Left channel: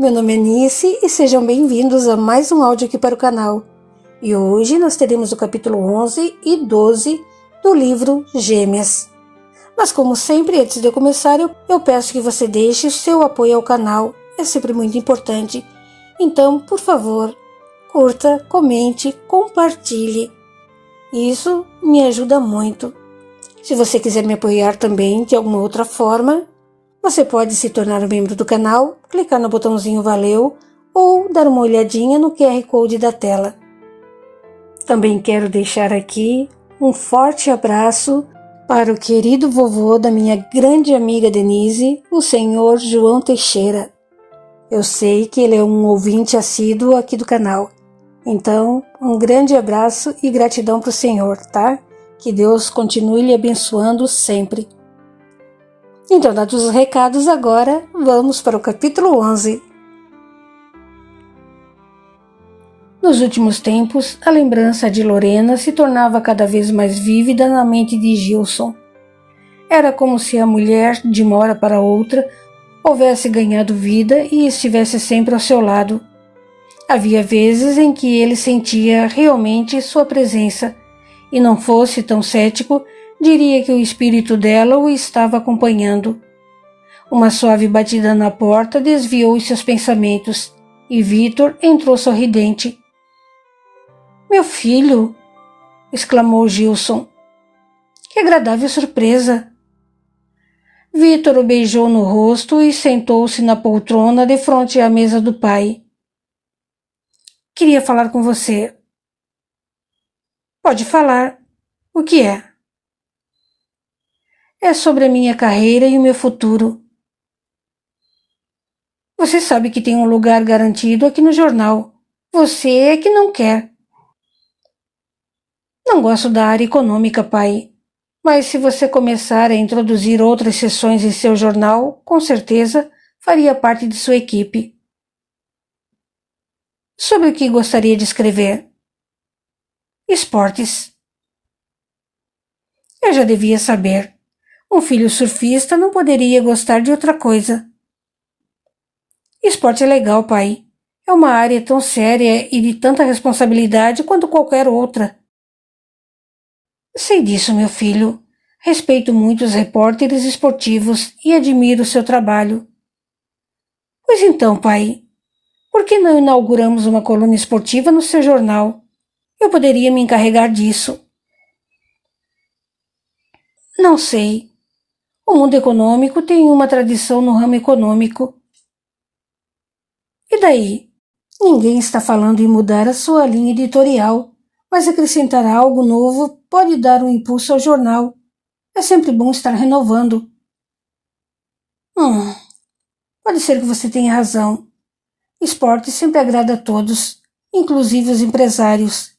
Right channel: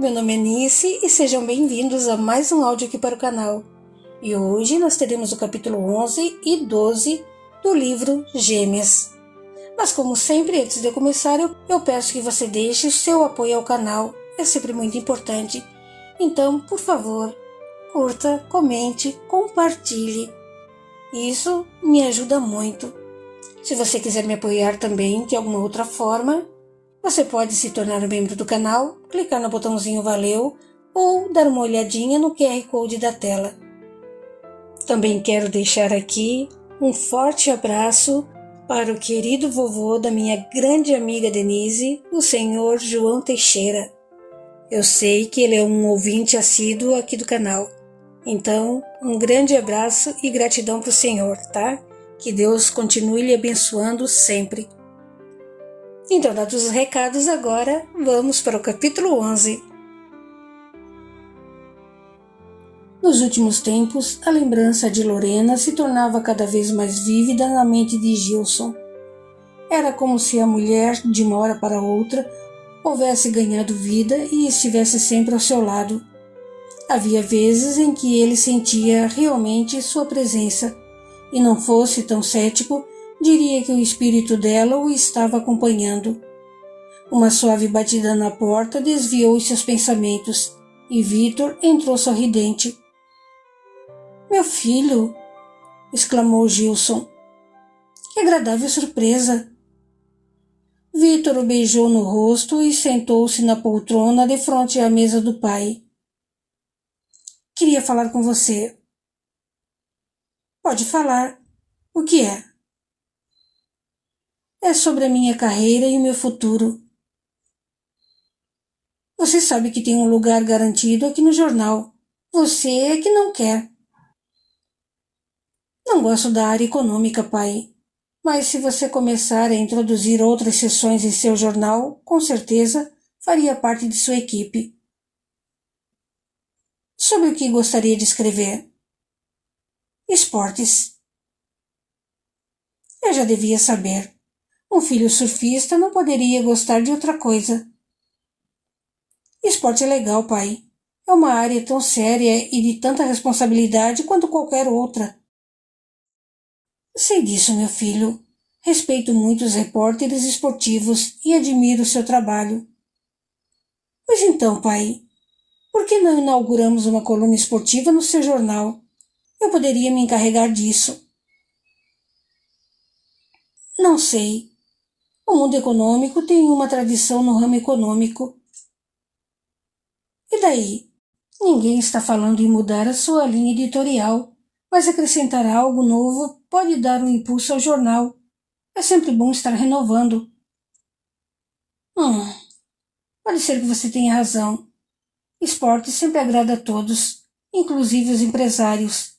Meu nome é Nice e sejam bem-vindos a mais um áudio aqui para o canal. E hoje nós teremos o capítulo 11 e 12 do livro Gêmeas. Mas como sempre, antes de eu começar, eu peço que você deixe o seu apoio ao canal, é sempre muito importante. Então, por favor, curta, comente, compartilhe. Isso me ajuda muito. Se você quiser me apoiar também de alguma outra forma, você pode se tornar um membro do canal, clicar no botãozinho Valeu ou dar uma olhadinha no QR Code da tela. Também quero deixar aqui um forte abraço para o querido vovô da minha grande amiga Denise, o senhor João Teixeira. Eu sei que ele é um ouvinte assíduo aqui do canal. Então, um grande abraço e gratidão para o senhor, tá? Que Deus continue lhe abençoando sempre. Então, dados os recados, agora vamos para o capítulo 11. Nos últimos tempos, a lembrança de Lorena se tornava cada vez mais vívida na mente de Gilson. Era como se a mulher, de uma hora para outra, houvesse ganhado vida e estivesse sempre ao seu lado. Havia vezes em que ele sentia realmente sua presença, e não fosse tão cético, diria que o espírito dela o estava acompanhando. Uma suave batida na porta desviou os seus pensamentos, e Vitor entrou sorridente. — Meu filho! Exclamou Gilson. — Que agradável surpresa! Vitor o beijou no rosto e sentou-se na poltrona defronte à mesa do pai. — Queria falar com você. — Pode falar. O que é? — É sobre a minha carreira e o meu futuro. Você sabe que tem um lugar garantido aqui no jornal. Você é que não quer. Não gosto da área econômica, pai. Mas se você começar a introduzir outras seções em seu jornal, com certeza faria parte de sua equipe. Sobre o que gostaria de escrever? Esportes. Eu já devia saber. Um filho surfista não poderia gostar de outra coisa. Esporte é legal, pai. É uma área tão séria e de tanta responsabilidade quanto qualquer outra. Sei disso, meu filho. Respeito muito os repórteres esportivos e admiro seu trabalho. Pois então, pai, por que não inauguramos uma coluna esportiva no seu jornal? Eu poderia me encarregar disso. Não sei. O mundo econômico tem uma tradição no ramo econômico. E daí? Ninguém está falando em mudar a sua linha editorial, mas acrescentar algo novo pode dar um impulso ao jornal. É sempre bom estar renovando. Pode ser que você tenha razão. Esporte sempre agrada a todos, inclusive os empresários.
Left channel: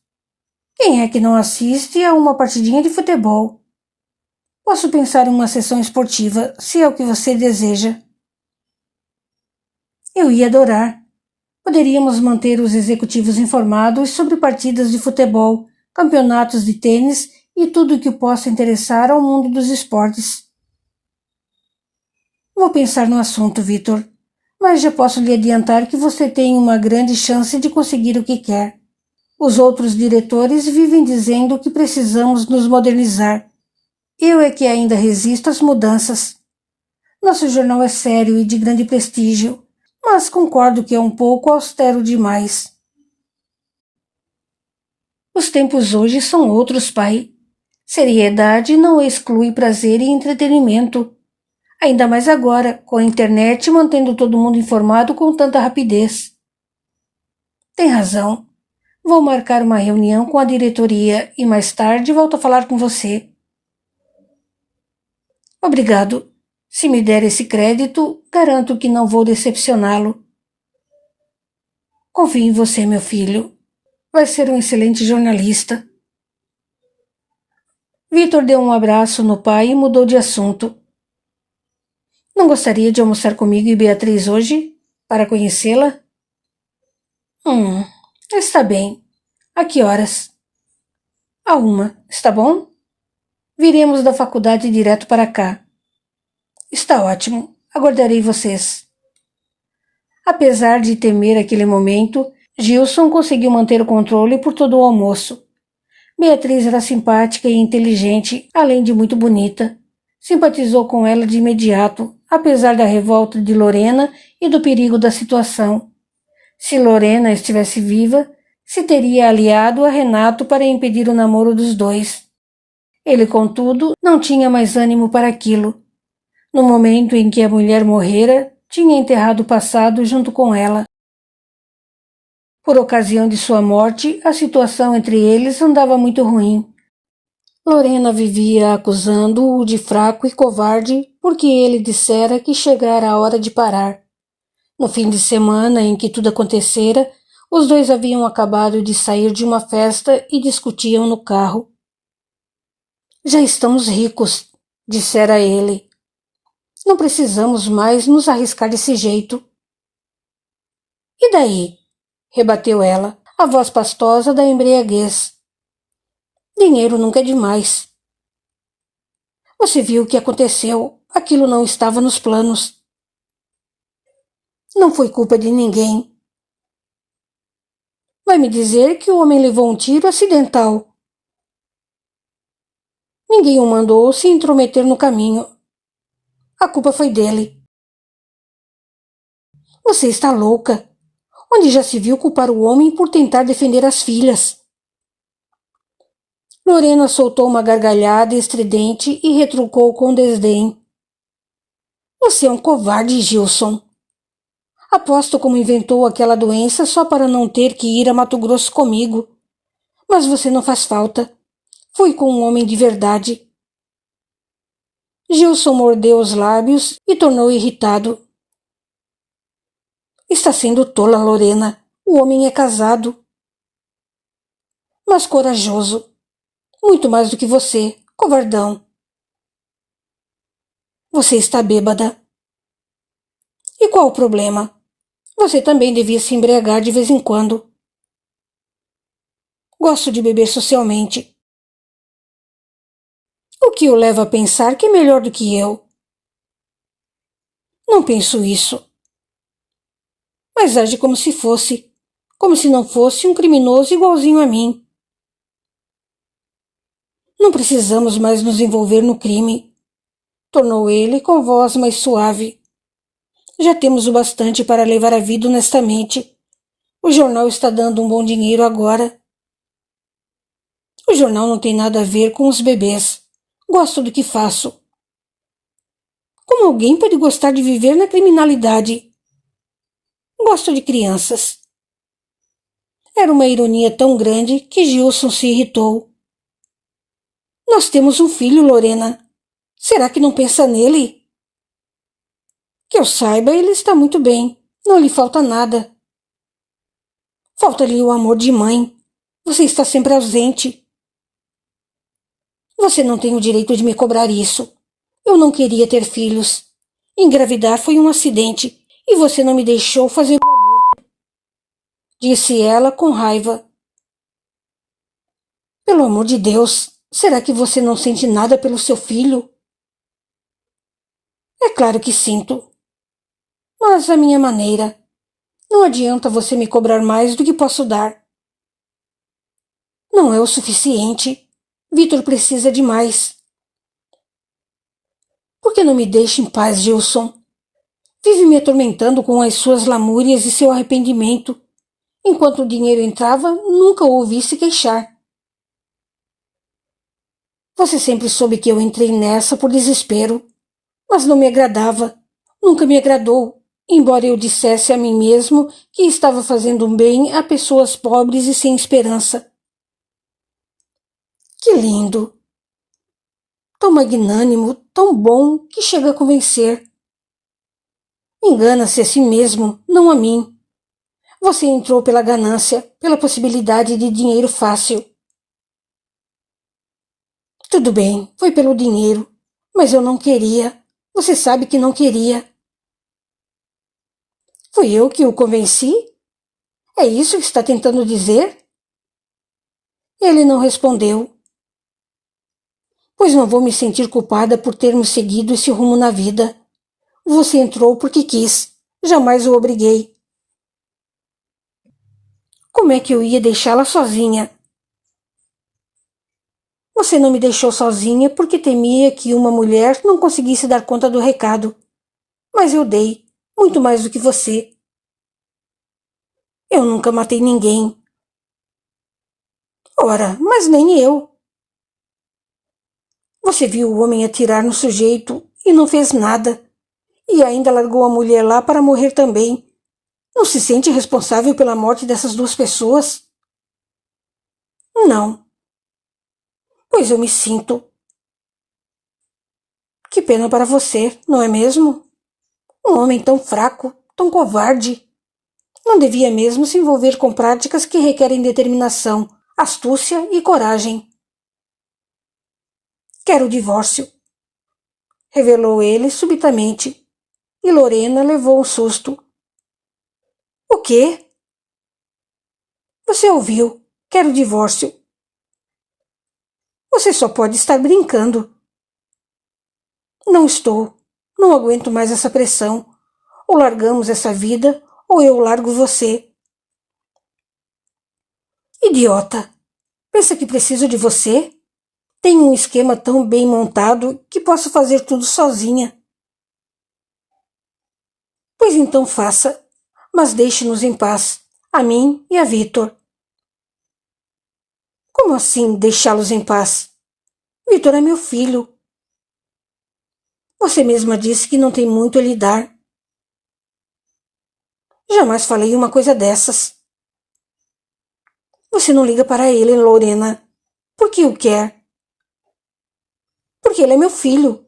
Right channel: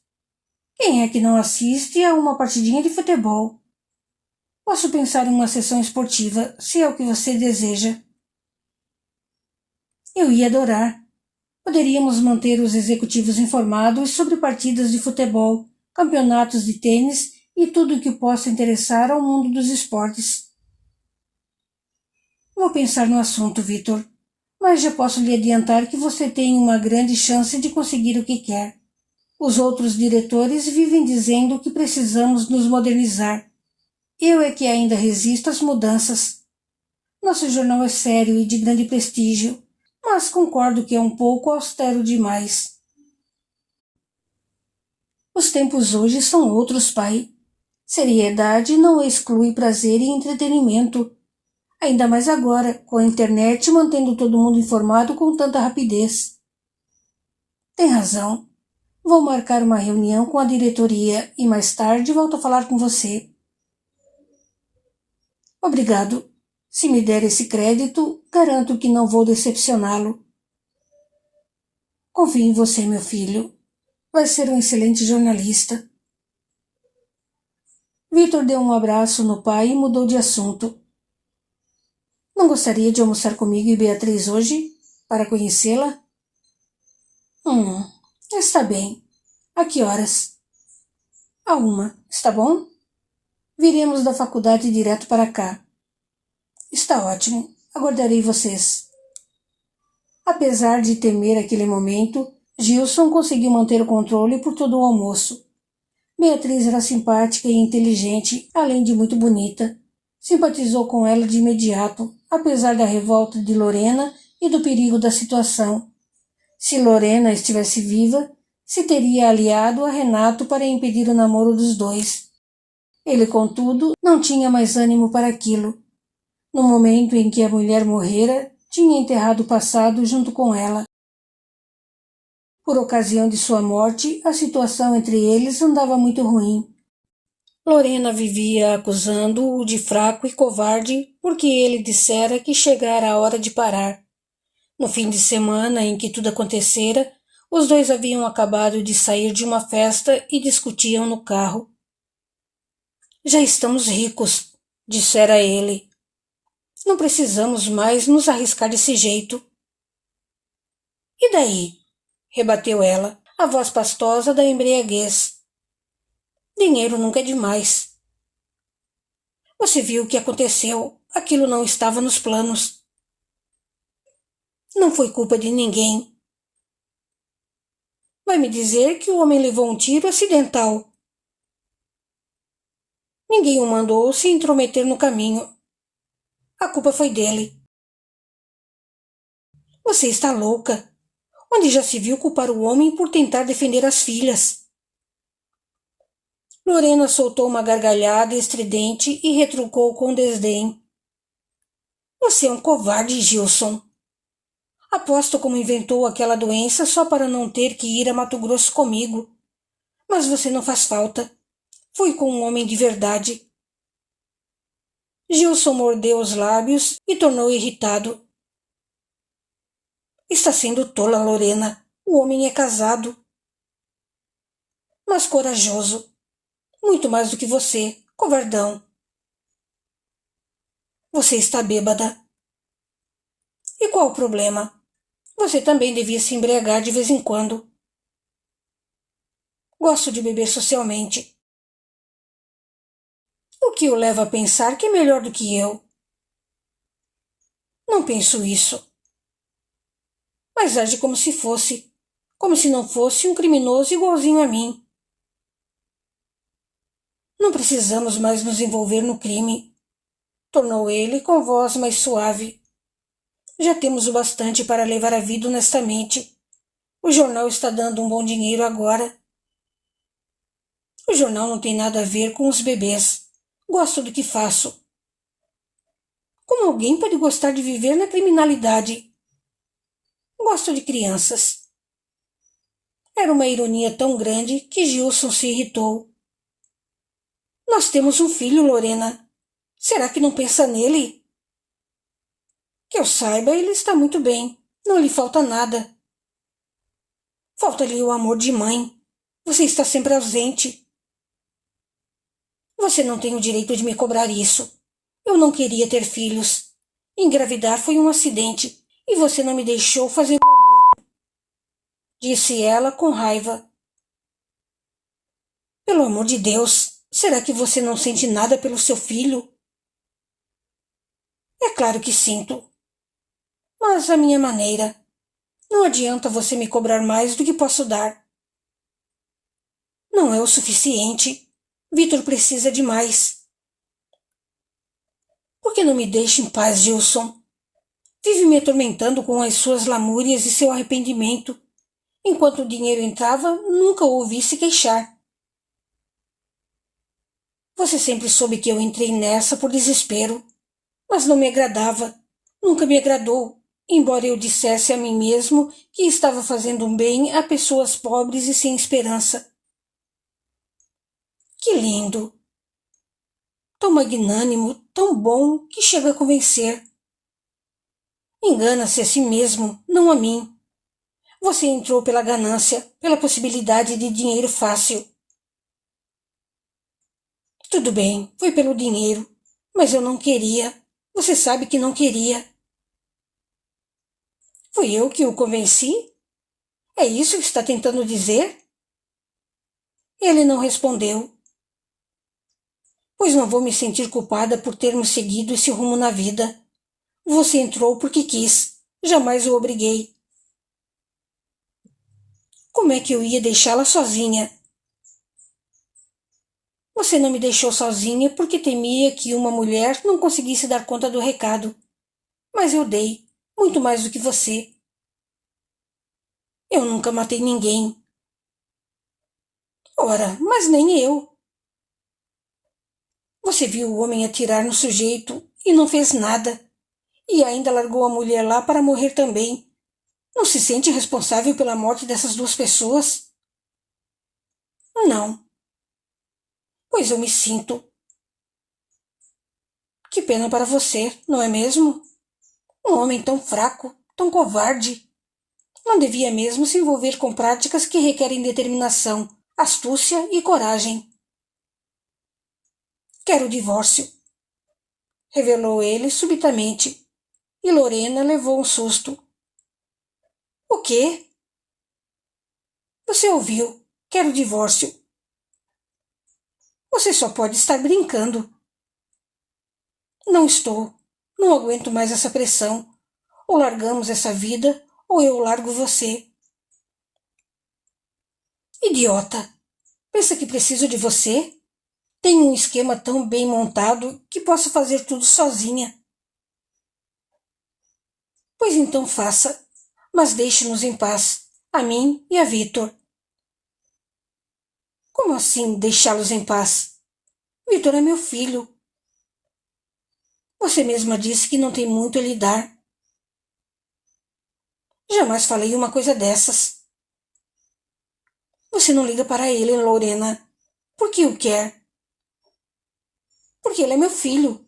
Quem é que não assiste a uma partidinha de futebol? Posso pensar em uma sessão esportiva, se é o que você deseja. Eu ia adorar. Poderíamos manter os executivos informados sobre partidas de futebol, campeonatos de tênis e tudo o que possa interessar ao mundo dos esportes. Vou pensar no assunto, Vitor, mas já posso lhe adiantar que você tem uma grande chance de conseguir o que quer. Os outros diretores vivem dizendo que precisamos nos modernizar. Eu é que ainda resisto às mudanças. Nosso jornal é sério e de grande prestígio, mas concordo que é um pouco austero demais. Os tempos hoje são outros, pai. Seriedade não exclui prazer e entretenimento. Ainda mais agora, com a internet mantendo todo mundo informado com tanta rapidez. Tem razão. Vou marcar uma reunião com a diretoria e mais tarde volto a falar com você. Obrigado. Se me der esse crédito, garanto que não vou decepcioná-lo. Confio em você, meu filho. Vai ser um excelente jornalista. Vitor deu um abraço no pai e mudou de assunto. Não gostaria de almoçar comigo e Beatriz hoje, para conhecê-la? Está bem. A que horas? À 1, está bom? Viremos da faculdade direto para cá. Está ótimo. Aguardarei vocês. Apesar de temer aquele momento, Gilson conseguiu manter o controle por todo o almoço. Beatriz era simpática e inteligente, além de muito bonita. Simpatizou com ela de imediato, apesar da revolta de Lorena e do perigo da situação. Se Lorena estivesse viva, se teria aliado a Renato para impedir o namoro dos dois. Ele, contudo, não tinha mais ânimo para aquilo. No momento em que a mulher morrera, tinha enterrado o passado junto com ela. Por ocasião de sua morte, a situação entre eles andava muito ruim. Lorena vivia acusando-o de fraco e covarde porque ele dissera que chegara a hora de parar. No fim de semana em que tudo acontecera, os dois haviam acabado de sair de uma festa e discutiam no carro. Já estamos ricos, dissera ele. Não precisamos mais nos arriscar desse jeito. E daí? Rebateu ela, a voz pastosa da embriaguez. Dinheiro nunca é demais. Você viu o que aconteceu. Aquilo não estava nos planos. Não foi culpa de ninguém. Vai me dizer que o homem levou um tiro acidental. Ninguém o mandou se intrometer no caminho. A culpa foi dele. Você está louca. Onde já se viu culpar o homem por tentar defender as filhas? Lorena soltou uma gargalhada estridente e retrucou com desdém. Você é um covarde, Gilson. Aposto como inventou aquela doença só para não ter que ir a Mato Grosso comigo. Mas você não faz falta. Fui com um homem de verdade. Gilson mordeu os lábios e tornou irritado. Está sendo tola, Lorena. O homem é casado. Mas corajoso. Muito mais do que você, covardão. Você está bêbada. E qual o problema? Você também devia se embriagar de vez em quando. Gosto de beber socialmente. O que o leva a pensar que é melhor do que eu? Não penso isso. Mas age como se fosse. Como se não fosse um criminoso igualzinho a mim. Não precisamos mais nos envolver no crime, tornou ele com voz mais suave. Já temos o bastante para levar a vida honestamente. O jornal está dando um bom dinheiro agora. O jornal não tem nada a ver com os bebês. Gosto do que faço. Como alguém pode gostar de viver na criminalidade? Gosto de crianças. Era uma ironia tão grande que Gilson se irritou. Nós temos um filho, Lorena. Será que não pensa nele? Que eu saiba, ele está muito bem. Não lhe falta nada. Falta-lhe o amor de mãe. Você está sempre ausente. Você não tem o direito de me cobrar isso. Eu não queria ter filhos. Engravidar foi um acidente e você não me deixou fazer o aborto, disse ela com raiva. Pelo amor de Deus, será que você não sente nada pelo seu filho? É claro que sinto. Mas à minha maneira. Não adianta você me cobrar mais do que posso dar. Não é o suficiente. Vitor precisa de mais. Por que não me deixa em paz, Gilson? Vive me atormentando com as suas lamúrias e seu arrependimento. Enquanto o dinheiro entrava, nunca o ouvi se queixar. Você sempre soube que eu entrei nessa por desespero, mas não me agradava, nunca me agradou, embora eu dissesse a mim mesmo que estava fazendo um bem a pessoas pobres e sem esperança. Que lindo! Tão magnânimo, tão bom, que chega a convencer. Engana-se a si mesmo, não a mim. Você entrou pela ganância, pela possibilidade de dinheiro fácil. Tudo bem, foi pelo dinheiro, mas eu não queria. Você sabe que não queria. Fui eu que o convenci? É isso que está tentando dizer? Ele não respondeu. Pois não vou me sentir culpada por termos seguido esse rumo na vida. Você entrou porque quis, jamais o obriguei. Como é que eu ia deixá-la sozinha? Você não me deixou sozinha porque temia que uma mulher não conseguisse dar conta do recado. Mas eu dei, muito mais do que você. Eu nunca matei ninguém. Ora, mas nem eu. Você viu o homem atirar no sujeito e não fez nada. E ainda largou a mulher lá para morrer também. Não se sente responsável pela morte dessas duas pessoas? Não. Pois eu me sinto. Que pena para você, não é mesmo? Um homem tão fraco, tão covarde. Não devia mesmo se envolver com práticas que requerem determinação, astúcia e coragem. Quero o divórcio, revelou ele subitamente, e Lorena levou um susto. O quê? Você ouviu? Quero o divórcio. Você só pode estar brincando. Não estou. Não aguento mais essa pressão. Ou largamos essa vida, ou eu largo você. Idiota! Pensa que preciso de você? Tenho um esquema tão bem montado que posso fazer tudo sozinha. Pois então faça, mas deixe-nos em paz, a mim e a Vitor. Como assim deixá-los em paz? Vitor é meu filho. Você mesma disse que não tem muito a lhe dar. Jamais falei uma coisa dessas. Você não liga para ele, Lorena. Por que o quer? Porque ele é meu filho.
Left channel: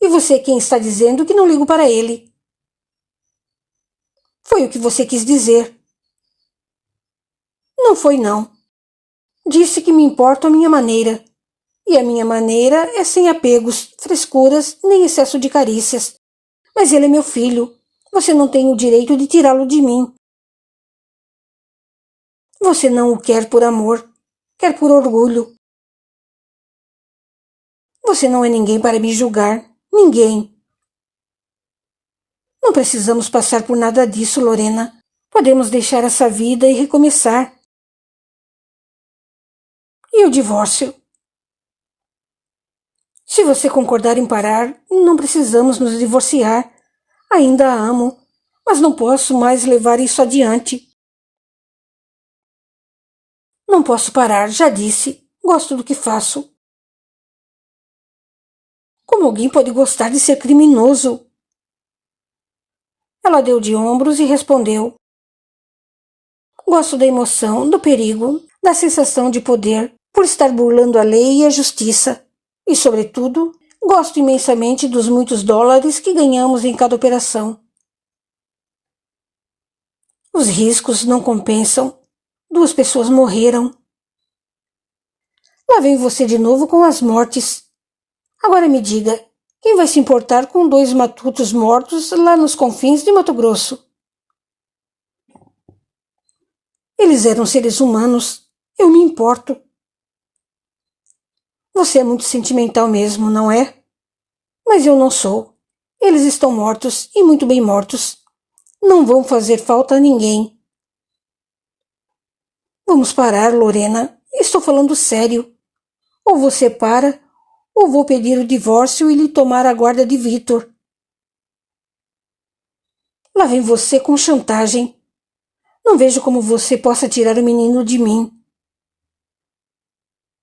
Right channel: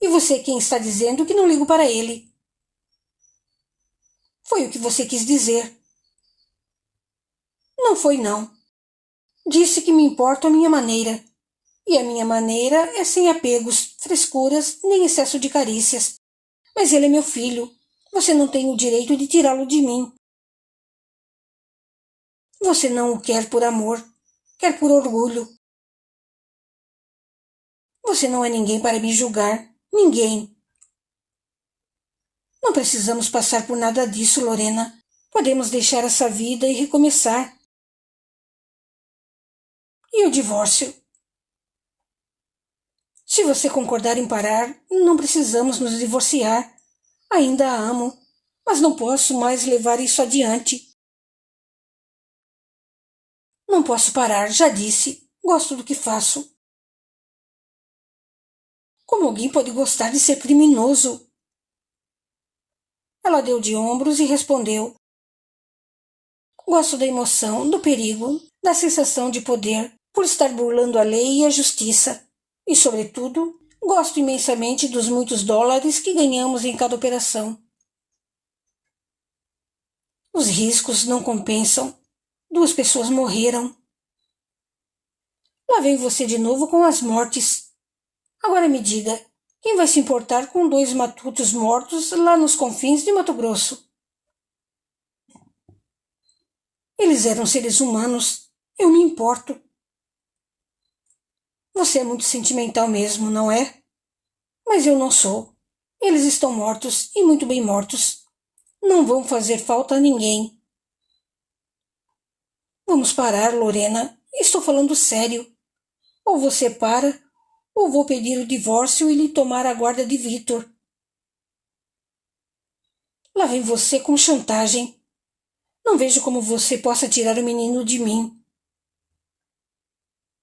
E você é quem está dizendo que não ligo para ele. Foi o que você quis dizer. Não foi, não. Disse que me importo à minha maneira. E a minha maneira é sem apegos, frescuras, nem excesso de carícias. Mas ele é meu filho. Você não tem o direito de tirá-lo de mim. Você não o quer por amor. Quer por orgulho. Você não é ninguém para me julgar. Ninguém. Não precisamos passar por nada disso, Lorena. Podemos deixar essa vida e recomeçar. E o divórcio? Se você concordar em parar, não precisamos nos divorciar. Ainda a amo, mas não posso mais levar isso adiante. Não posso parar, já disse. Gosto do que faço. Como alguém pode gostar de ser criminoso? Ela deu de ombros e respondeu. Gosto da emoção, do perigo, da sensação de poder, por estar burlando a lei e a justiça. E, sobretudo, gosto imensamente dos muitos dólares que ganhamos em cada operação. Os riscos não compensam. 2 pessoas morreram. Lá vem você de novo com as mortes. Agora me diga, quem vai se importar com 2 matutos mortos lá nos confins de Mato Grosso? Eles eram seres humanos. Eu me importo. Você é muito sentimental mesmo, não é? Mas eu não sou. Eles estão mortos, e muito bem mortos. Não vão fazer falta a ninguém. Vamos parar, Lorena. Estou falando sério. Ou você para, ou vou pedir o divórcio e lhe tomar a guarda de Vitor. Lá vem você com chantagem. Não vejo como você possa tirar o menino de mim.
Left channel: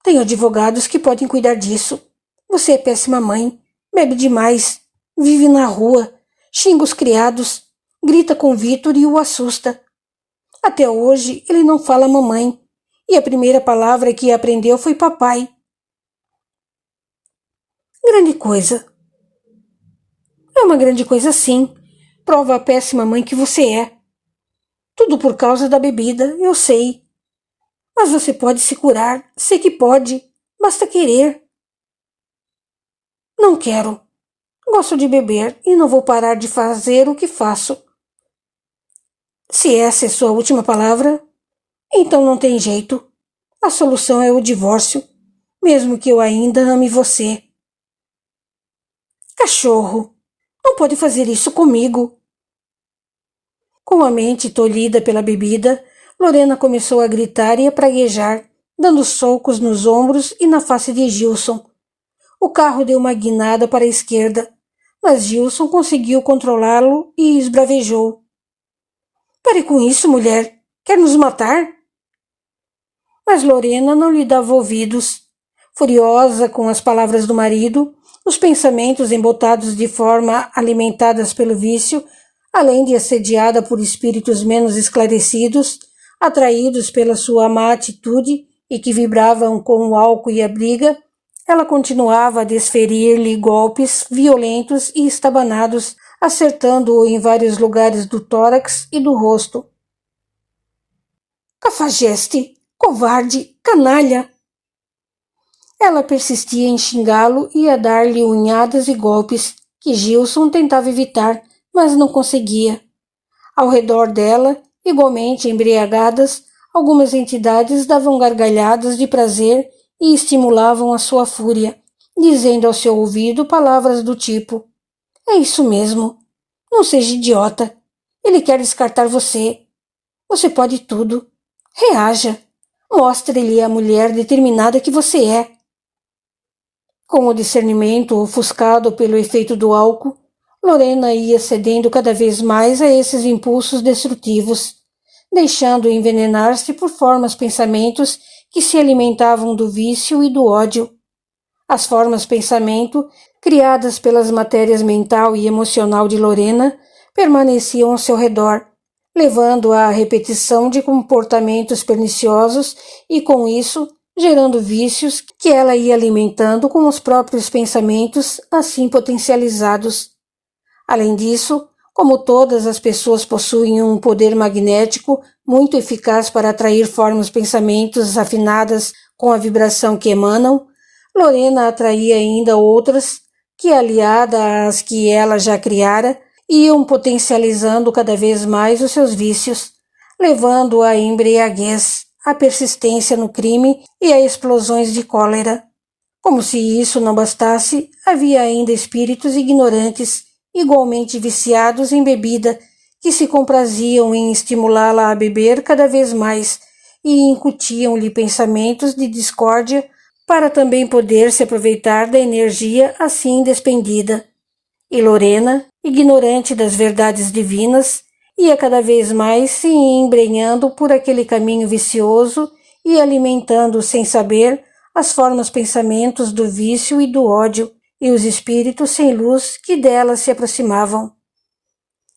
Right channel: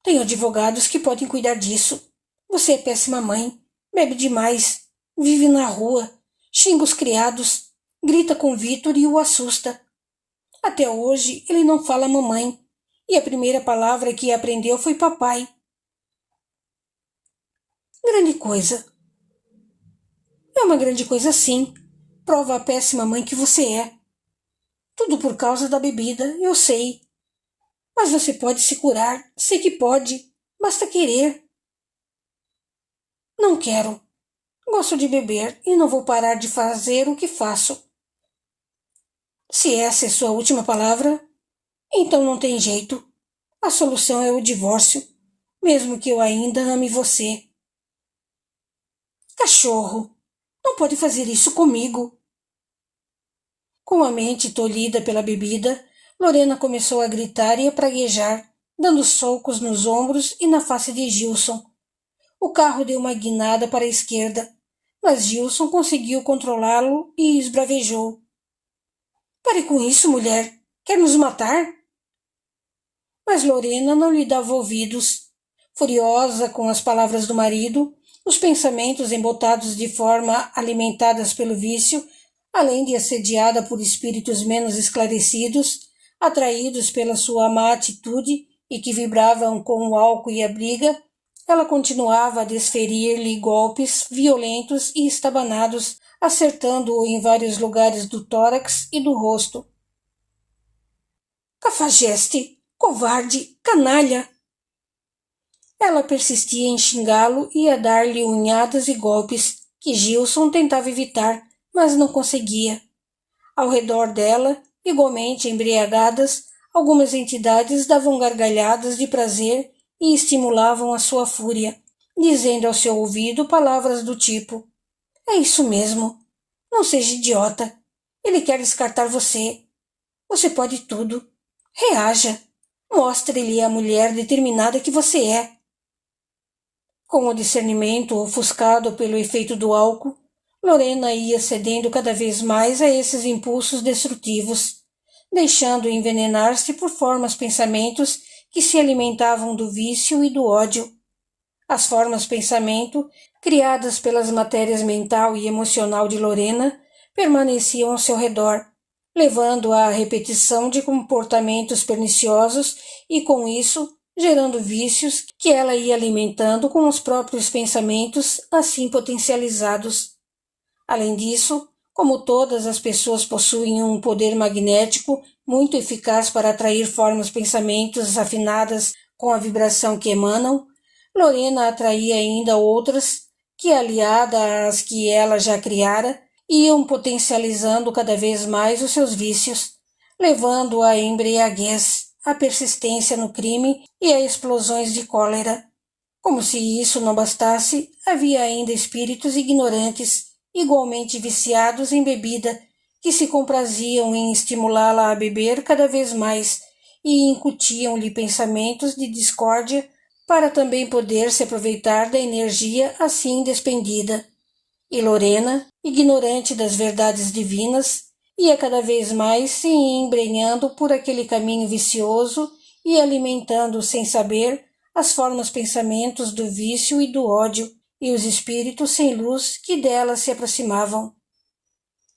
Tenho advogados que podem cuidar disso. Você é péssima mãe, bebe demais, vive na rua, xinga os criados, grita com Vitor e o assusta. Até hoje ele não fala mamãe, e a primeira palavra que aprendeu foi papai. Grande coisa. É uma grande coisa sim. Prova a péssima mãe que você é. Tudo por causa da bebida, eu sei. Mas você pode se curar, sei que pode. Basta querer. Não quero. Gosto de beber e não vou parar de fazer o que faço. Se essa é sua última palavra, então não tem jeito. A solução é o divórcio, mesmo que eu ainda ame você. Cachorro, não pode fazer isso comigo. Com a mente tolhida pela bebida, Lorena começou a gritar e a praguejar, dando socos nos ombros e na face de Gilson. O carro deu uma guinada para a esquerda, mas Gilson conseguiu controlá-lo e esbravejou. Pare com isso, mulher. Quer nos matar? Mas Lorena não lhe dava ouvidos. Furiosa com as palavras do marido, os pensamentos embotados de forma alimentadas pelo vício, além de assediada por espíritos menos esclarecidos, atraídos pela sua má atitude e que vibravam com o álcool e a briga, ela continuava a desferir-lhe golpes violentos e estabanados, acertando-o em vários lugares do tórax e do rosto. Cafajeste! Covarde! Canalha! Ela persistia em xingá-lo e a dar-lhe unhadas e golpes, que Gilson tentava evitar, mas não conseguia. Ao redor dela, igualmente embriagadas, algumas entidades davam gargalhadas de prazer e estimulavam a sua fúria, dizendo ao seu ouvido palavras do tipo: é isso mesmo. Não seja idiota. Ele quer descartar você. Você pode tudo. Reaja. Mostre-lhe a mulher determinada que você é. Com o discernimento ofuscado pelo efeito do álcool, Lorena ia cedendo cada vez mais a esses impulsos destrutivos, deixando envenenar-se por formas pensamentos que se alimentavam do vício e do ódio. As formas pensamento, criadas pelas matérias mental e emocional de Lorena, permaneciam ao seu redor, levando à repetição de comportamentos perniciosos e, com isso, gerando vícios que ela ia alimentando com os próprios pensamentos assim potencializados. Além disso, como todas as pessoas possuem um poder magnético muito eficaz para atrair formas pensamentos afinadas com a vibração que emanam, Lorena atraía ainda outras que, aliada às que ela já criara, iam potencializando cada vez mais os seus vícios, levando à embriaguez, à persistência no crime e a explosões de cólera. Como se isso não bastasse, havia ainda espíritos ignorantes, igualmente viciados em bebida, que se compraziam em estimulá-la a beber cada vez mais e incutiam-lhe pensamentos de discórdia para também poder se aproveitar da energia assim despendida. E Lorena, ignorante das verdades divinas, ia cada vez mais se embrenhando por aquele caminho vicioso e alimentando, sem saber, as formas pensamentos do vício e do ódio e os espíritos sem luz que dela se aproximavam.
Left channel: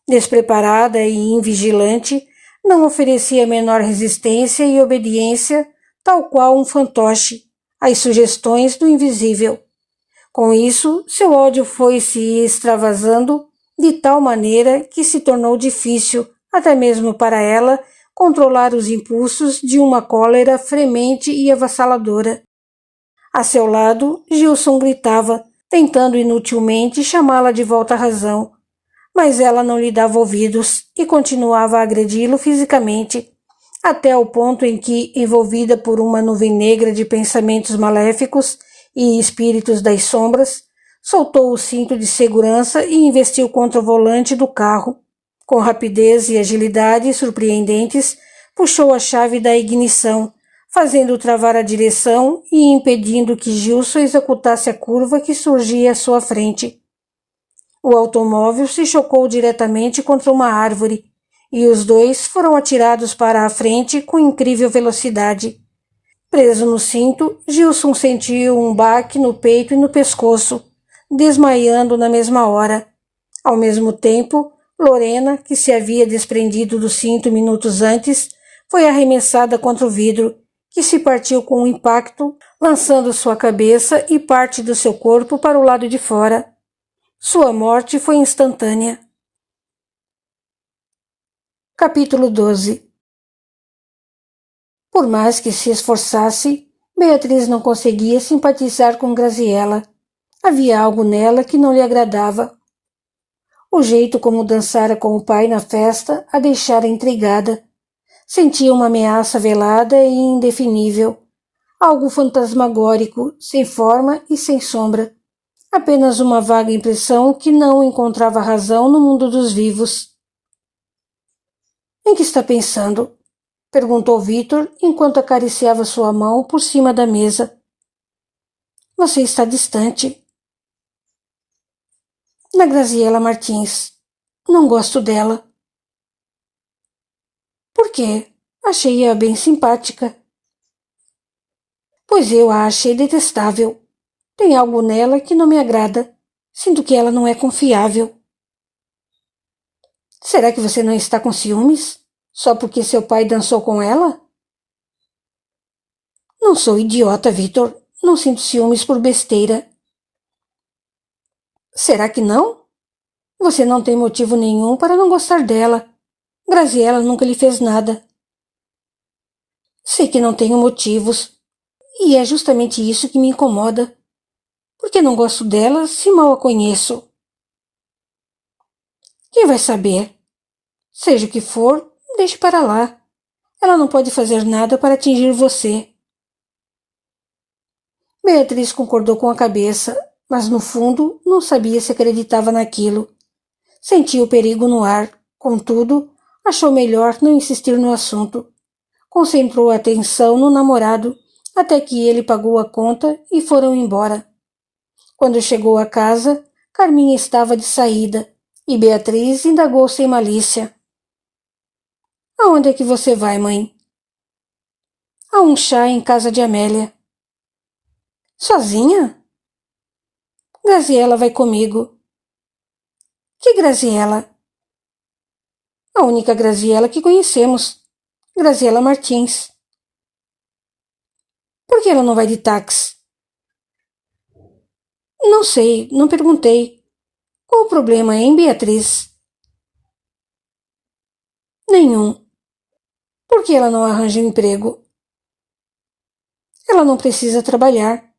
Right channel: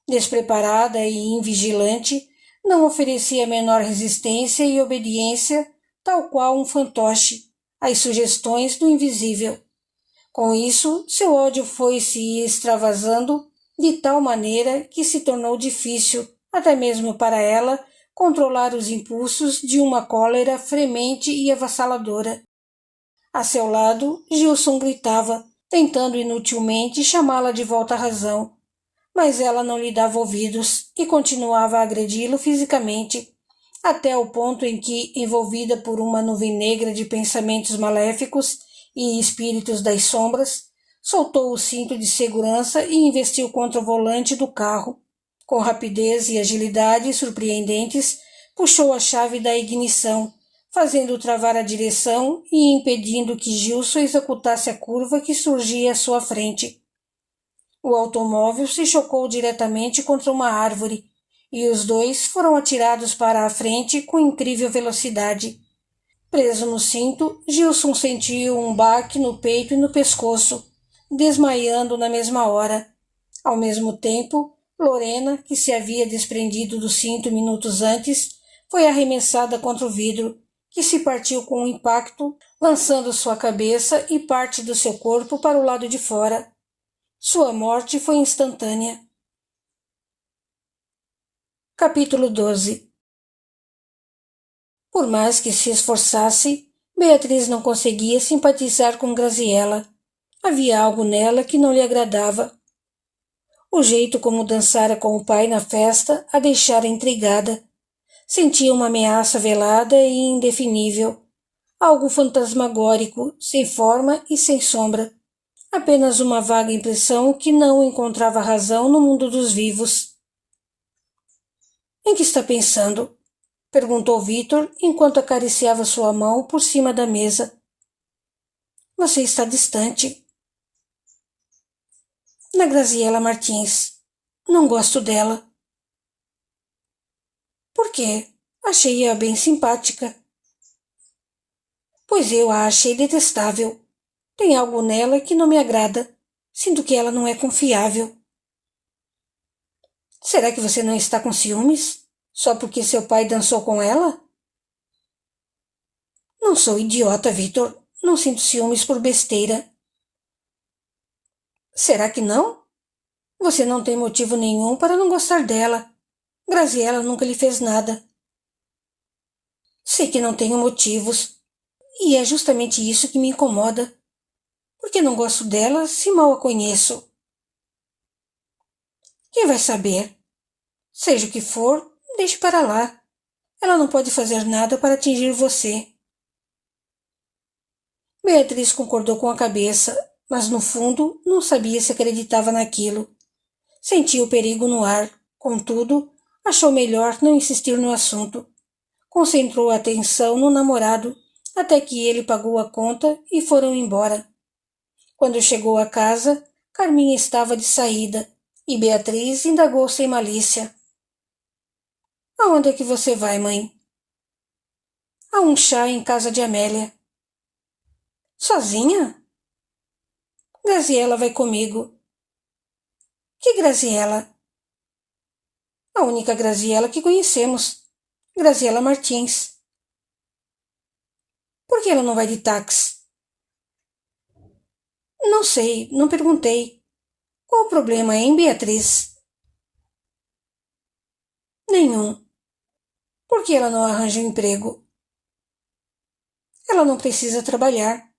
Despreparada e invigilante, não oferecia menor resistência e obediência, tal qual um fantoche, às sugestões do invisível. Com isso, seu ódio foi se extravasando de tal maneira que se tornou difícil, até mesmo para ela, controlar os impulsos de uma cólera fremente e avassaladora. A seu lado, Gilson gritava, tentando inutilmente chamá-la de volta à razão, mas ela não lhe dava ouvidos e continuava a agredi-lo fisicamente, até o ponto em que, envolvida por uma nuvem negra de pensamentos maléficos e espíritos das sombras, soltou o cinto de segurança e investiu contra o volante do carro. Com rapidez e agilidade surpreendentes, puxou a chave da ignição, fazendo travar a direção e impedindo que Gilson executasse a curva que surgia à sua frente. O automóvel se chocou diretamente contra uma árvore, e os dois foram atirados para a frente com incrível velocidade. Preso no cinto, Gilson sentiu um baque no peito e no pescoço, desmaiando na mesma hora. Ao mesmo tempo, Lorena, que se havia desprendido do cinto minutos antes, foi arremessada contra o vidro, que se partiu com um impacto, lançando sua cabeça e parte do seu corpo para o lado de fora. Sua morte foi instantânea. Capítulo 12. Por mais que se esforçasse, Beatriz não conseguia simpatizar com Graziella. Havia algo nela que não lhe agradava. O jeito como dançara com o pai na festa a deixara intrigada. Sentia uma ameaça velada e indefinível, algo fantasmagórico, sem forma e sem sombra. Apenas uma vaga impressão que não encontrava razão no mundo dos vivos. Em que está pensando? Perguntou Vitor enquanto acariciava sua mão por cima da mesa. Você está distante. Na Graziela Martins. Não gosto dela. Por quê? Achei-a bem simpática. Pois eu a achei detestável. Tem algo nela que não me agrada. Sinto que ela não é confiável. Será que você não está com ciúmes? Só porque seu pai dançou com ela? Não sou idiota, Vitor. Não sinto ciúmes por besteira. Será que não? Você não tem motivo nenhum para não gostar dela. Graziela nunca lhe fez nada. Sei que não tenho motivos. E é justamente isso que me incomoda. Porque não gosto dela se mal a conheço. Quem vai saber? Seja o que for, deixe para lá. Ela não pode fazer nada para atingir você. Beatriz concordou com a cabeça, mas no fundo não sabia se acreditava naquilo. Sentia o perigo no ar, contudo, achou melhor não insistir no assunto. Concentrou a atenção no namorado, até que ele pagou a conta e foram embora. Quando chegou a casa, Carminha estava de saída, e Beatriz indagou sem malícia. Aonde é que você vai, mãe? A um chá em casa de Amélia. Sozinha? Graziela vai comigo. Que Graziela? A única Graziela que conhecemos. Graziela Martins. Por que ela não vai de táxi? Não sei, não perguntei. Qual o problema, hein, Beatriz? Nenhum. Por que ela não arranja um emprego? Ela não precisa trabalhar.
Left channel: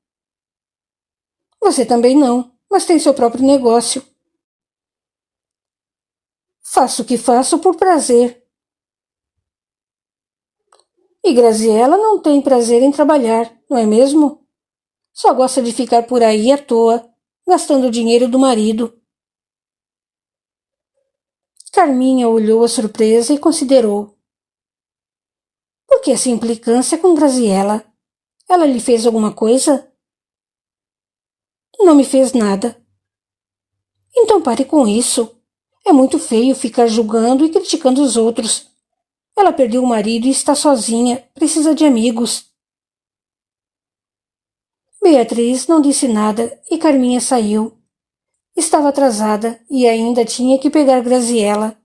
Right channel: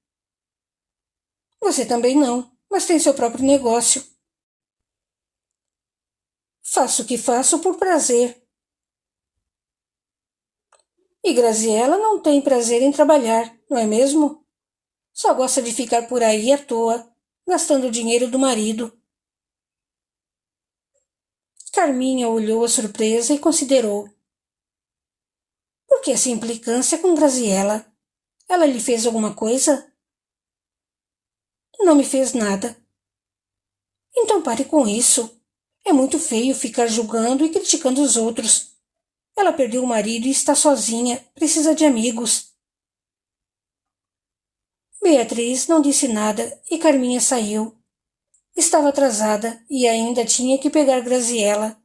Você também não, mas tem seu próprio negócio. Faço o que faço por prazer. E Graziela não tem prazer em trabalhar, não é mesmo? Só gosta de ficar por aí à toa, gastando o dinheiro do marido. Carminha olhou a surpresa e considerou. Por que essa implicância com Graziela? Ela lhe fez alguma coisa? Não me fez nada. Então pare com isso. É muito feio ficar julgando e criticando os outros. Ela perdeu o marido e está sozinha, precisa de amigos. Beatriz não disse nada e Carminha saiu. Estava atrasada e ainda tinha que pegar Graziela.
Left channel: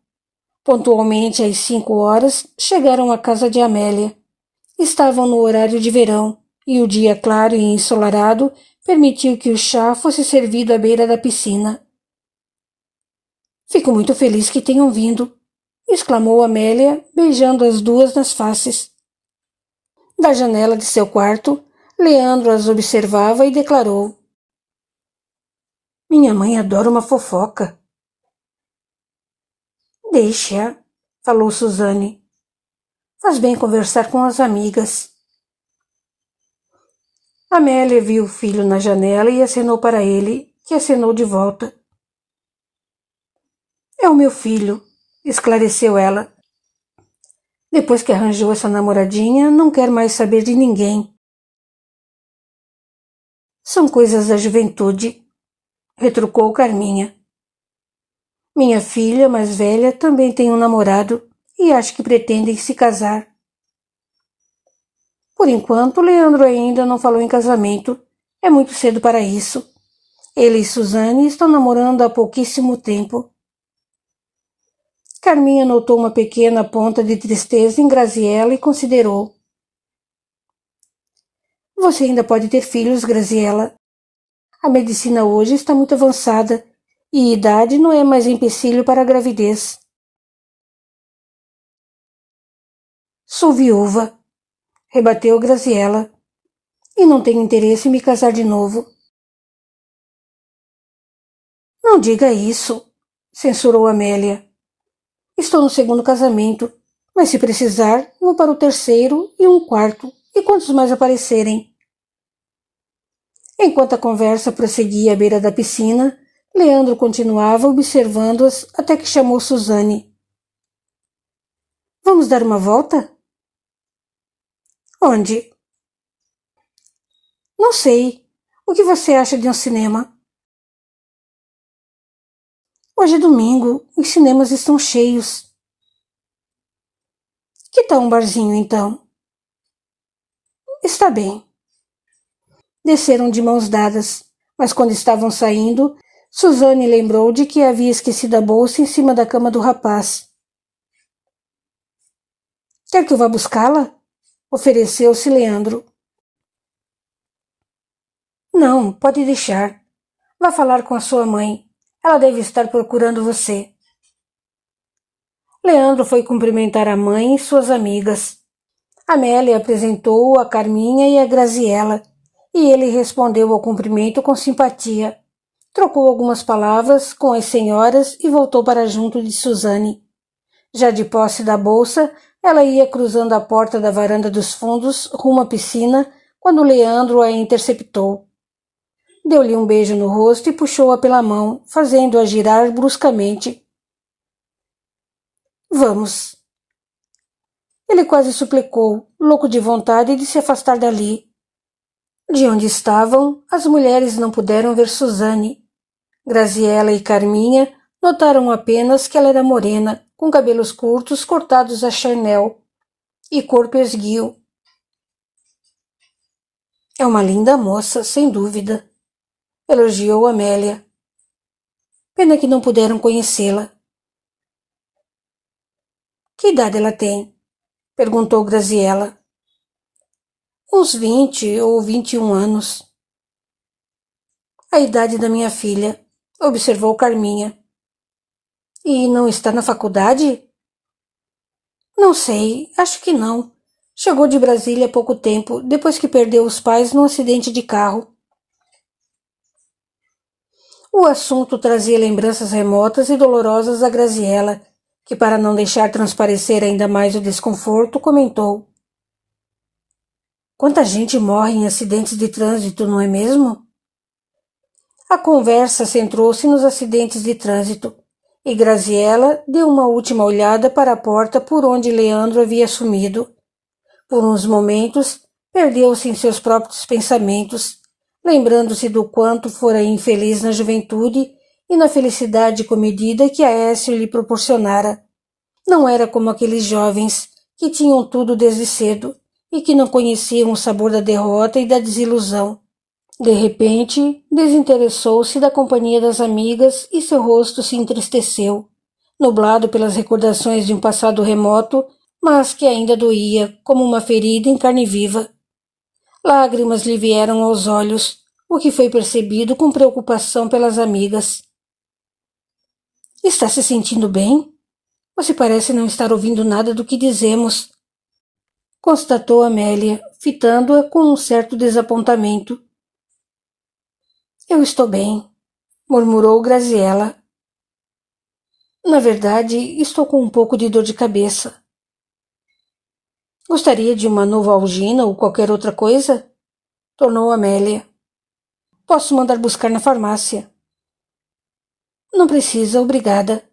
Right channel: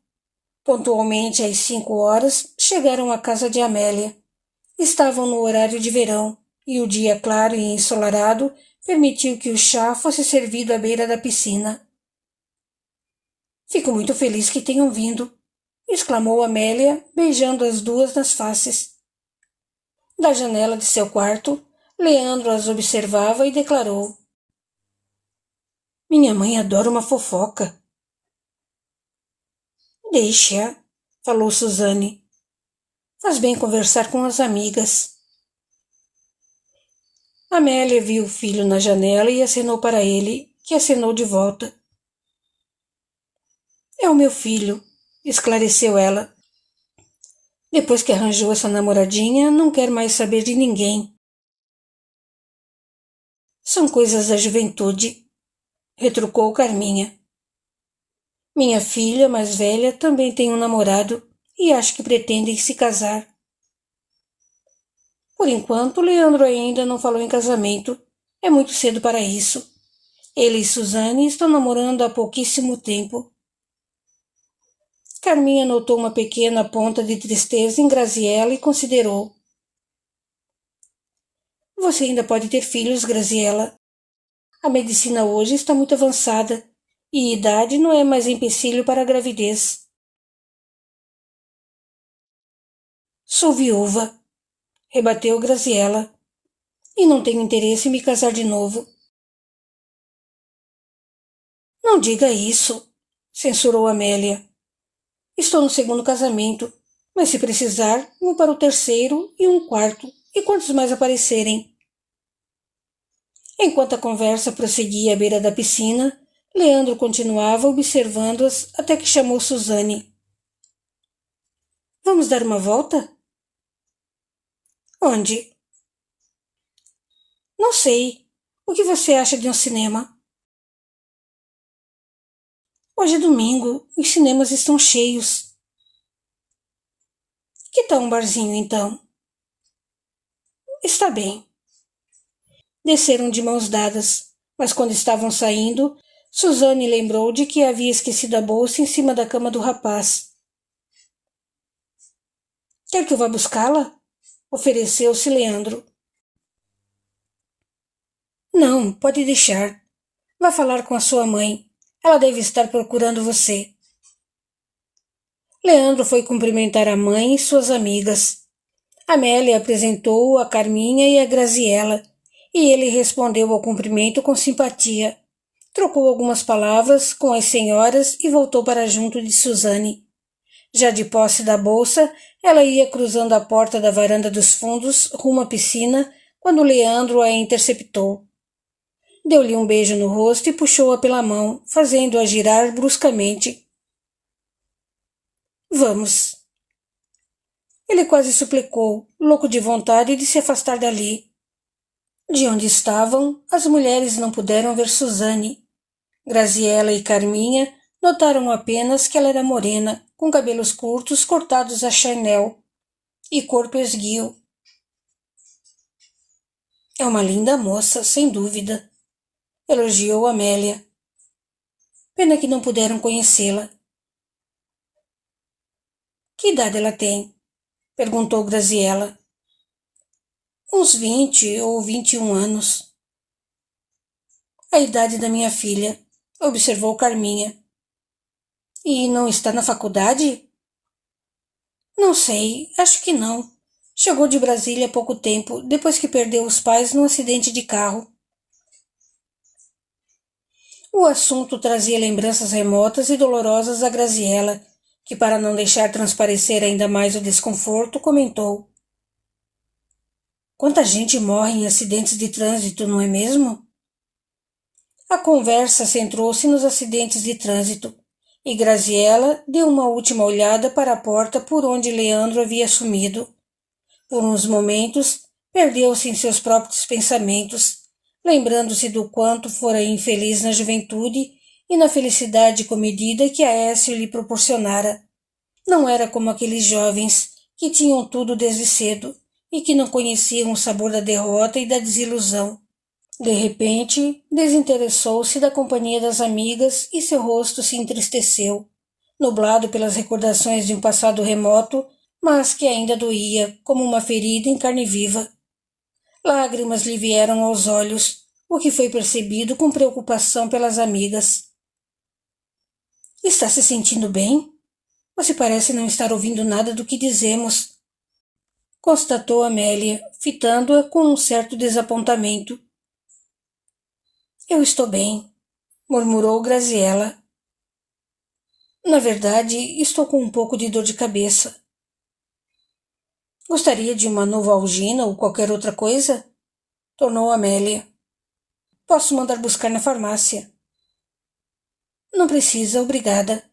Pontualmente às 5 horas, chegaram à casa de Amélia. Estavam no horário de verão e o dia claro e ensolarado permitiu que o chá fosse servido à beira da piscina. Fico muito feliz que tenham vindo, exclamou Amélia, beijando as duas nas faces. Da janela de seu quarto, Leandro as observava e declarou: Minha mãe adora uma fofoca. Deixe-a, falou Suzane. Faz bem conversar com as amigas. Amélia viu o filho na janela e acenou para ele, que acenou de volta. É o meu filho, esclareceu ela. Depois que arranjou essa namoradinha, não quer mais saber de ninguém. São coisas da juventude, retrucou Carminha. Minha filha, mais velha, também tem um namorado e acho que pretendem se casar. Por enquanto, Leandro ainda não falou em casamento. É muito cedo para isso. Ele e Suzane estão namorando há pouquíssimo tempo. Carminha notou uma pequena ponta de tristeza em Graziela e considerou. Você ainda pode ter filhos, Graziela. A medicina hoje está muito avançada e idade não é mais empecilho para a gravidez. Sou viúva, rebateu Graziela, e não tenho interesse em me casar de novo. Não diga isso, censurou Amélia. Estou no segundo casamento, mas se precisar, vou para o terceiro e um quarto, e quantos mais aparecerem. Enquanto a conversa prosseguia à beira da piscina, Leandro continuava observando-as até que chamou Suzane. Vamos dar uma volta? Onde? Não sei. O que você acha de um cinema? Hoje é domingo, os cinemas estão cheios. Que tal um barzinho, então? Está bem. Desceram de mãos dadas, mas quando estavam saindo, Suzane lembrou de que havia esquecido a bolsa em cima da cama do rapaz. Quer que eu vá buscá-la? Ofereceu-se Leandro. Não, pode deixar. Vá falar com a sua mãe. Ela deve estar procurando você. Leandro foi cumprimentar a mãe e suas amigas. Amélia apresentou-o a Carminha e a Graziella, e ele respondeu ao cumprimento com simpatia. Trocou algumas palavras com as senhoras e voltou para junto de Suzane. Já de posse da bolsa, ela ia cruzando a porta da varanda dos fundos rumo à piscina quando Leandro a interceptou. Deu-lhe um beijo no rosto e puxou-a pela mão, fazendo-a girar bruscamente. Vamos. Ele quase suplicou, louco de vontade de se afastar dali. De onde estavam, as mulheres não puderam ver Suzane. Graziella e Carminha notaram apenas que ela era morena, com cabelos curtos cortados a Chanel e corpo esguio. É uma linda moça, sem dúvida, elogiou Amélia. Pena que não puderam conhecê-la. Que idade ela tem? Perguntou Graziella. Uns 20 ou 21 anos. A idade da minha filha, observou Carminha. E não está na faculdade? Não sei, acho que não. Chegou de Brasília há pouco tempo, depois que perdeu os pais num acidente de carro. O assunto trazia lembranças remotas e dolorosas a Graziella, que, para não deixar transparecer ainda mais o desconforto, comentou. Quanta gente morre em acidentes de trânsito, não é mesmo? A conversa centrou-se nos acidentes de trânsito, e Graziella deu uma última olhada para a porta por onde Leandro havia sumido. Por uns momentos, perdeu-se em seus próprios pensamentos, lembrando-se do quanto fora infeliz na juventude e na felicidade comedida que Aécio lhe proporcionara. Não era como aqueles jovens que tinham tudo desde cedo e que não conheciam o sabor da derrota e da desilusão. De repente, desinteressou-se da companhia das amigas e seu rosto se entristeceu, nublado pelas recordações de um passado remoto, mas que ainda doía como uma ferida em carne viva. Lágrimas lhe vieram aos olhos, o que foi percebido com preocupação pelas amigas. Está se sentindo bem? Você parece não estar ouvindo nada do que dizemos, constatou Amélia, fitando-a com um certo desapontamento. Eu estou bem, murmurou Graziella. Na verdade, estou com um pouco de dor de cabeça. Gostaria de uma Novalgina ou qualquer outra coisa? Tornou Amélia. Posso mandar buscar na farmácia. Não precisa, obrigada.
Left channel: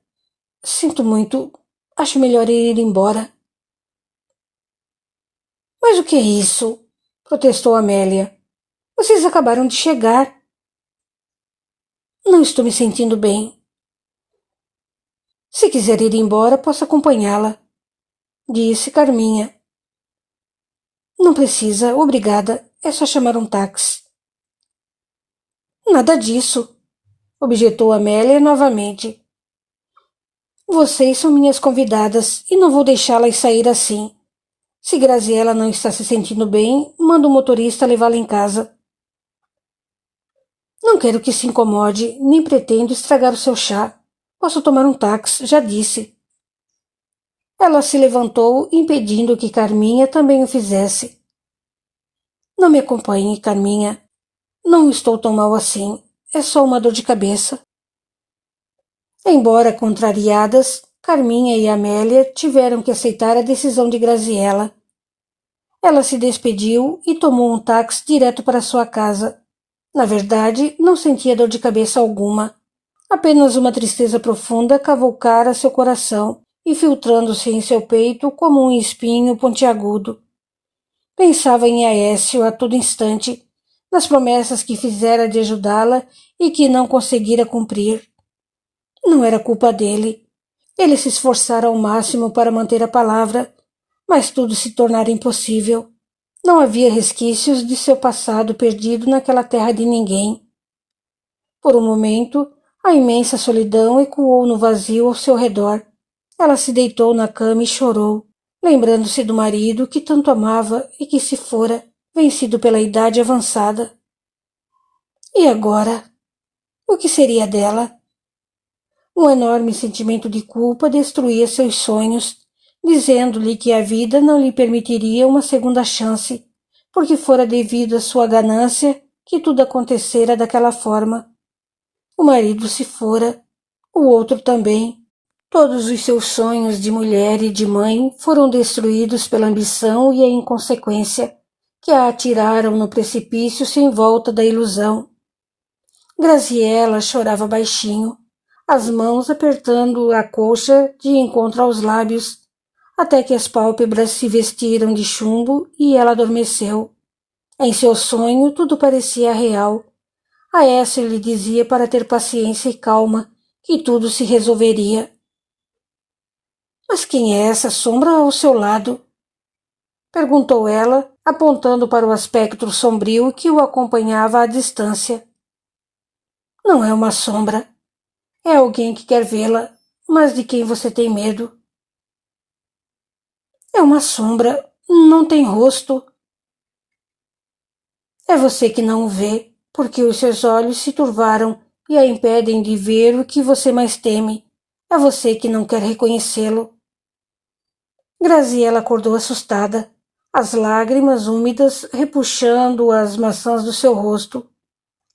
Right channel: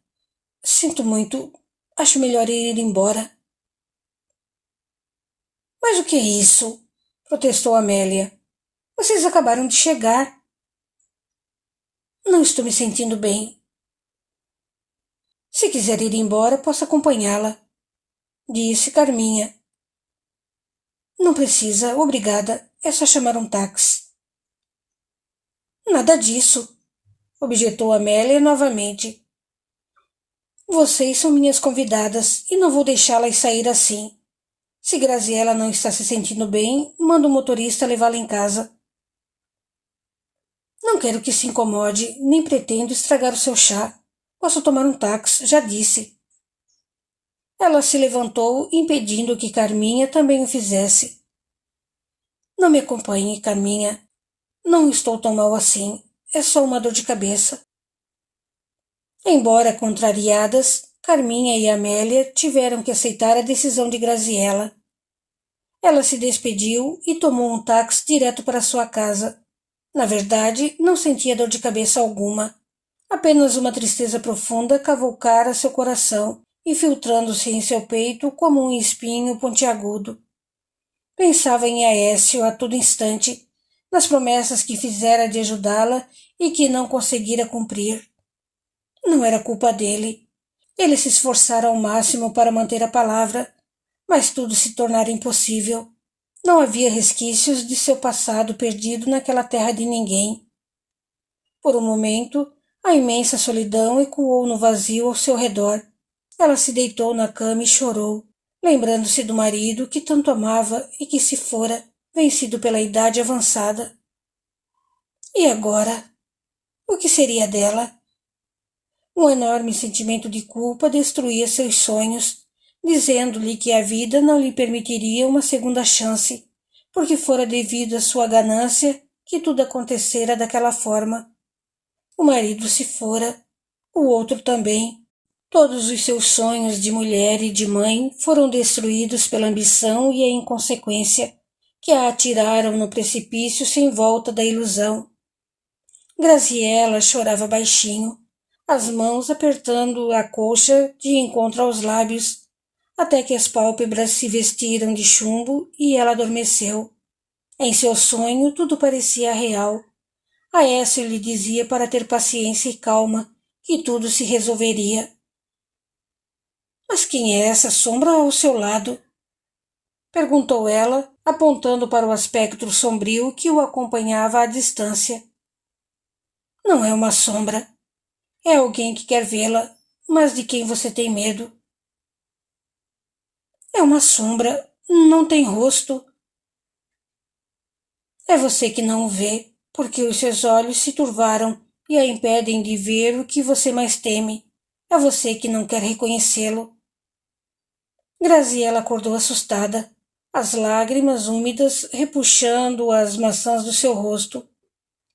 Sinto muito. Acho melhor ir embora. Mas o que é isso? Protestou Amélia. Vocês acabaram de chegar. Não estou me sentindo bem. Se quiser ir embora, posso acompanhá-la, disse Carminha. Não precisa, obrigada. É só chamar um táxi. Nada disso, objetou Amélia novamente. Vocês são minhas convidadas e não vou deixá-las sair assim. Se Graziella não está se sentindo bem, manda o motorista levá-la em casa. Não quero que se incomode, nem pretendo estragar o seu chá. Posso tomar um táxi, já disse. Ela se levantou, impedindo que Carminha também o fizesse. Não me acompanhe, Carminha. Não estou tão mal assim. É só uma dor de cabeça. Embora contrariadas, Carminha e Amélia tiveram que aceitar a decisão de Graziella. Ela se despediu e tomou um táxi direto para sua casa. Na verdade, não sentia dor de cabeça alguma. Apenas uma tristeza profunda cavucara seu coração, infiltrando-se em seu peito como um espinho pontiagudo. Pensava em Aécio a todo instante, nas promessas que fizera de ajudá-la e que não conseguira cumprir. Não era culpa dele. Ele se esforçara ao máximo para manter a palavra, mas tudo se tornara impossível. Não havia resquícios de seu passado perdido naquela terra de ninguém. Por um momento, a imensa solidão ecoou no vazio ao seu redor. Ela se deitou na cama e chorou, lembrando-se do marido que tanto amava e que se fora, vencido pela idade avançada. E agora? O que seria dela? Um enorme sentimento de culpa destruía seus sonhos, dizendo-lhe que a vida não lhe permitiria uma segunda chance, porque fora devido à sua ganância que tudo acontecera daquela forma. O marido se fora, o outro também. Todos os seus sonhos de mulher e de mãe foram destruídos pela ambição e a inconsequência, que a atiraram no precipício sem volta da ilusão. Graziella chorava baixinho, as mãos apertando a colcha de encontro aos lábios, até que as pálpebras se vestiram de chumbo e ela adormeceu. Em seu sonho tudo parecia real. Aécio lhe dizia para ter paciência e calma, que tudo se resolveria. Mas quem é essa sombra ao seu lado? Perguntou ela, apontando para o aspecto sombrio que o acompanhava à distância. Não é uma sombra. É alguém que quer vê-la, mas de quem você tem medo. É uma sombra, não tem rosto. É você que não o vê, porque os seus olhos se turvaram e a impedem de ver o que você mais teme. É você que não quer reconhecê-lo. Graziella acordou assustada, as lágrimas úmidas repuxando as maçãs do seu rosto.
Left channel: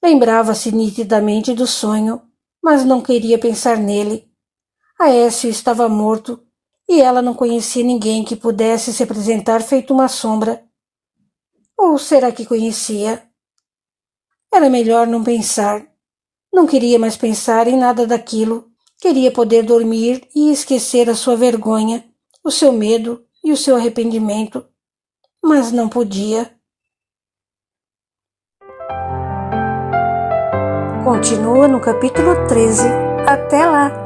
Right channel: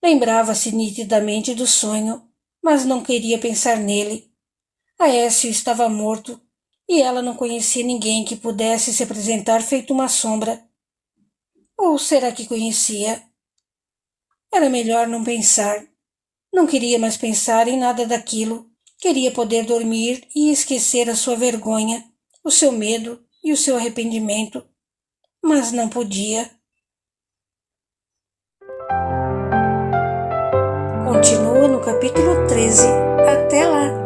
Lembrava-se nitidamente do sonho, mas não queria pensar nele. Aécio estava morto, e ela não conhecia ninguém que pudesse se apresentar feito uma sombra. Ou será que conhecia? Era melhor não pensar. Não queria mais pensar em nada daquilo. Queria poder dormir e esquecer a sua vergonha, o seu medo e o seu arrependimento. Mas não podia. Continua no capítulo 13. Até lá!